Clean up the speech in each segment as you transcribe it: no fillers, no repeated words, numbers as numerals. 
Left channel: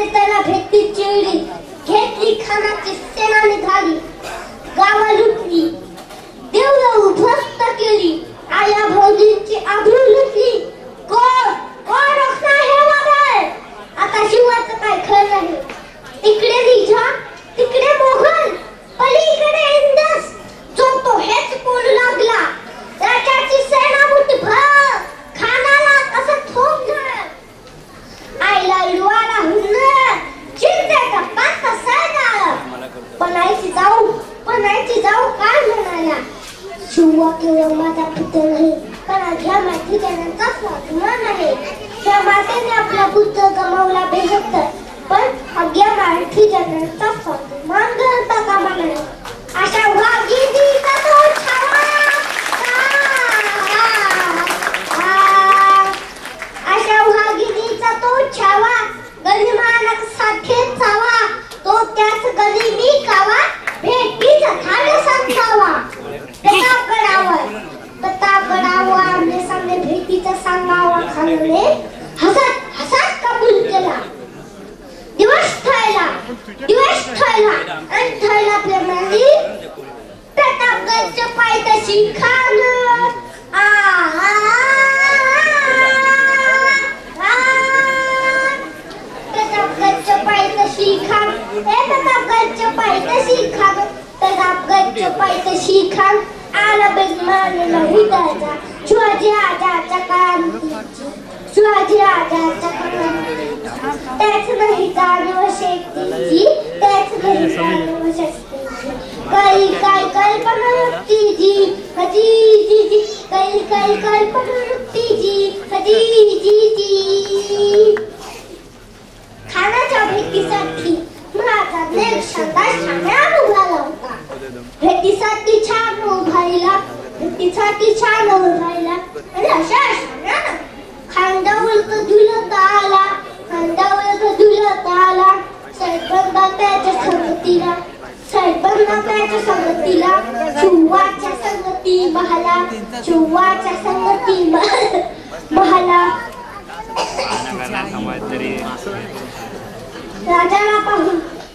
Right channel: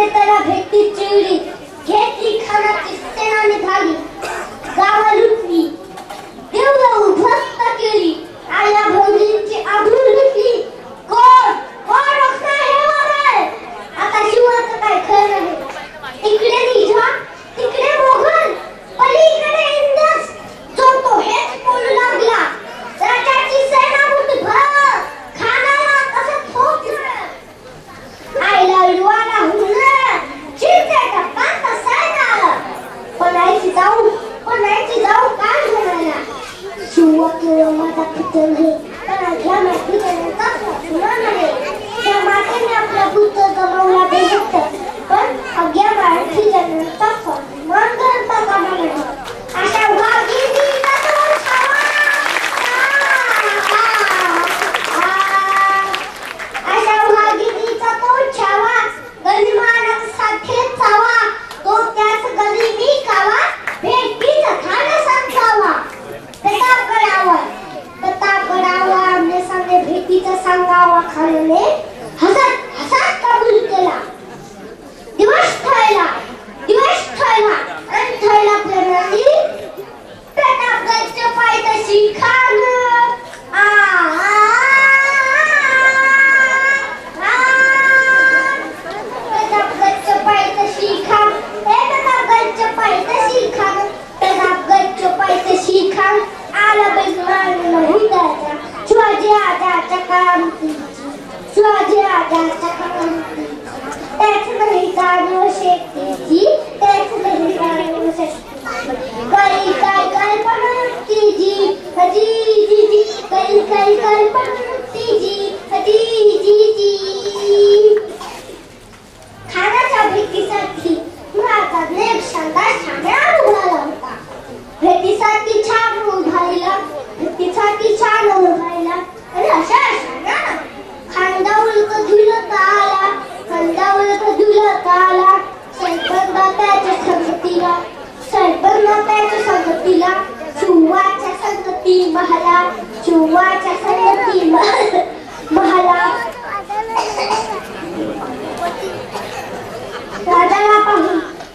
आले त्याला भेटली चिवडी, घेतली खानाची सेना निघाली, गावा लुटली, देवला उद्ध्वस्त केली, आया भौरींची आबरू लुटली. कोण कोण रोखणार हे वगैरे? आता शिवाचं काय खरं नाही. तिकडे निझाम, तिकडे मोगल, पलीकडे इंग्रज, जो तो हेच बोलू लागला. राजाची सेना मुठभर, खानाला कसं थोपलं. आईला युवाला हुनर, चिंतेचा पात सरदार. कोणाची जाऊ काय म्हणाला. शिवा केवळ माझा पुत्र नाही, पण ह्या मातृत्वाचा स्वातंत्र्य नाही. या मातेने आपला पुत्र जमवला बेशक्त, पण अज्ञा मराठी जन्माचा स्वातंत्र्य ग्रंथ कामा नाही. अशा वाघिणीचा तो छावा, अशा वाघिणीचा तो छावा, गनिमानक साथे चावा, तो त्याच कधी निकावा, भेटीच खाड सांगावा. प्रतापगडावर आमच्या सांगे भेटीचं सांगावा. खानाने हसत हसत कबूल केला. दिवस ठरला आणि ठरला प्रणाली. प्रतापगडच्या पायथ्याशी खान प्रतापगडच्या पायथ्याशी खान, प्रतापगडच्या पायथ्याशी खान, प्रतापगडच्या पायथ्याशी खान. आला बेजमानला हिताचा, शिवाजी आजाच्या क्रांतीची, शिवाजी आजाच्या क्रांतीची. त्याच नाही जाणीव शेतीची, त्याच नाही जाणीव शक्तीची. काही काय कल्पना युक्तीची, हजीजीची, काही काय कल्पना युक्तीची, हजीजीची. खानाच्या भेटीसाठी मुळाचा देव शानदार ठाण्यात उभारला होता. भेटीसाठी छान उभारला, भेटीसाठी छान उभारला. आणि अशा शानानं खांदावर झुलत आला, खांदावर झुलत आला. सरबंदा त्याच्या संगतीला, सरबंदा त्याच्या संगतीला, शिवाच्या संगती बहाला, शिवाच्या संगती बहाला.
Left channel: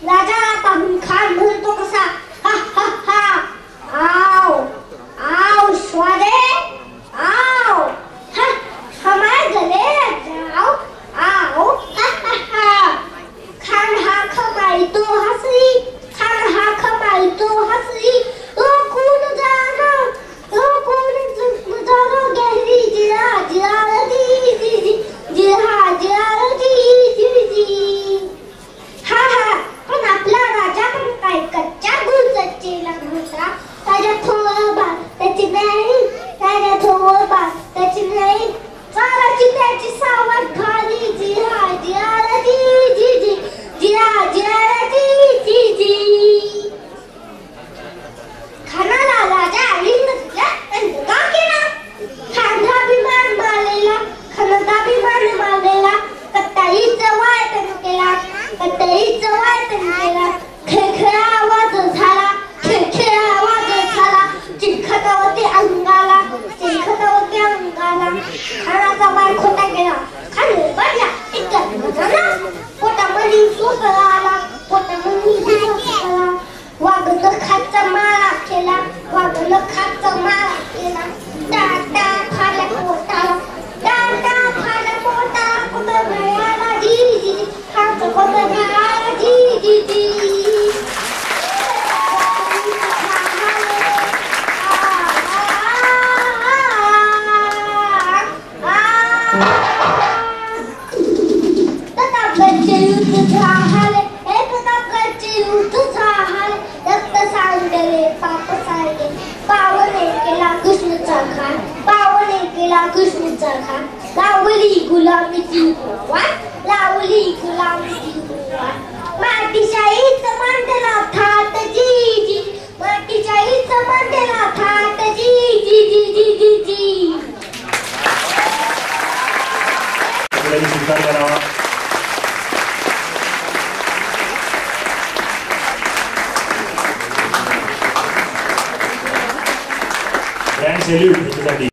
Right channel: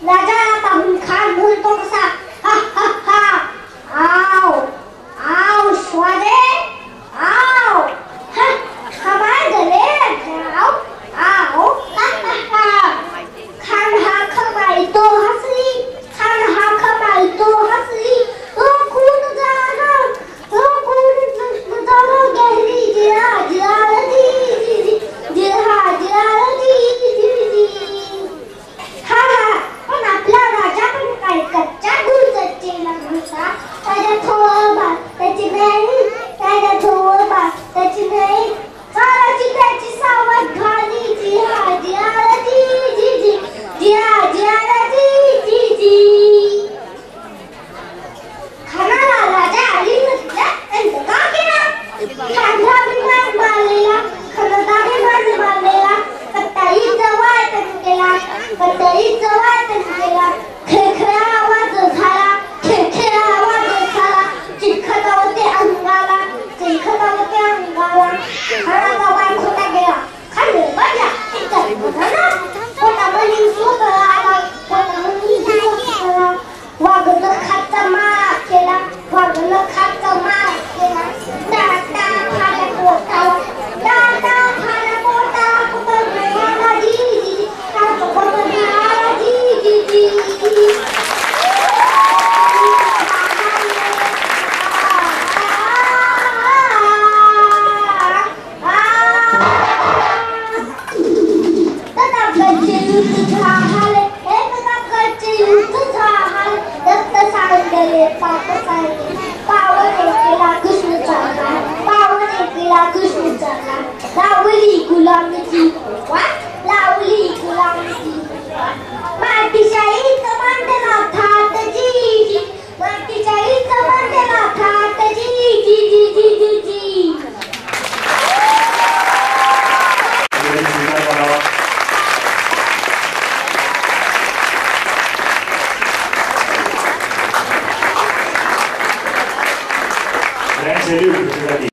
राजाला पाहून खान बोलतो कसा, हा हा हा, आओ आओ शिवाजी, आओ, हमारे गले आओ आओ, हा हा हा. खान हा खमाळतो हसली, खान हा खमाळतो हसली. ओ खून जाना गहरी जिरा जिरा जी जी जी जिरा जिरा जी जी जी. हा हा, पण आपला राजा पण काय कच्च्या गुलकच्चेला घुसा. त्याच्या थोबा त्याची नाही, त्याच्या थोबा त्याची नाही. चालाची त्याची सावध भाली, जिरा जिरा जी जी जी जिरा जिरा जी जी जी. खानाला राजा अली म्हटला आणि का केला. खानला विमान बांधलेला, खानाला विमान बांधलेला. कत्तलीचा वाय त्यांनी केला, कत्तलीचा वाय त्यांनी केला. खेळखेळा आवाज झाला, खेळखेळा आवाज झाला. चिलखतावरती अंगाला, चिलखतावरती अंगाला. खानाचा वाय खोटा केला. खान बदला इतर बदला. पोटामध्ये सुख आला, पोटामध्ये सुख आला. वाघनं खाचा मारा केला, वाघनं खाचा मारा केला. टाटा खाल्या पोटाला, टाटा खाल्या पोटाला. कुठं आला जी जी, खाचं कुठं आला जी जी जी. प्रतापगडचे युद्ध झाले, प्रतापगडचे युद्ध झाले. रक्त सांडले, पाप सांडले. पावने केला कृष्णचा घात, पावने केला कृष्णचा घात. लावली गुलामीची वाट, लावली गुलामीची वाट. मातीशाहीचं मांडला थाट जी जी, मातीशाहीचं मांडला थाट जी जी जी जी जी जी. Thanks, Salute.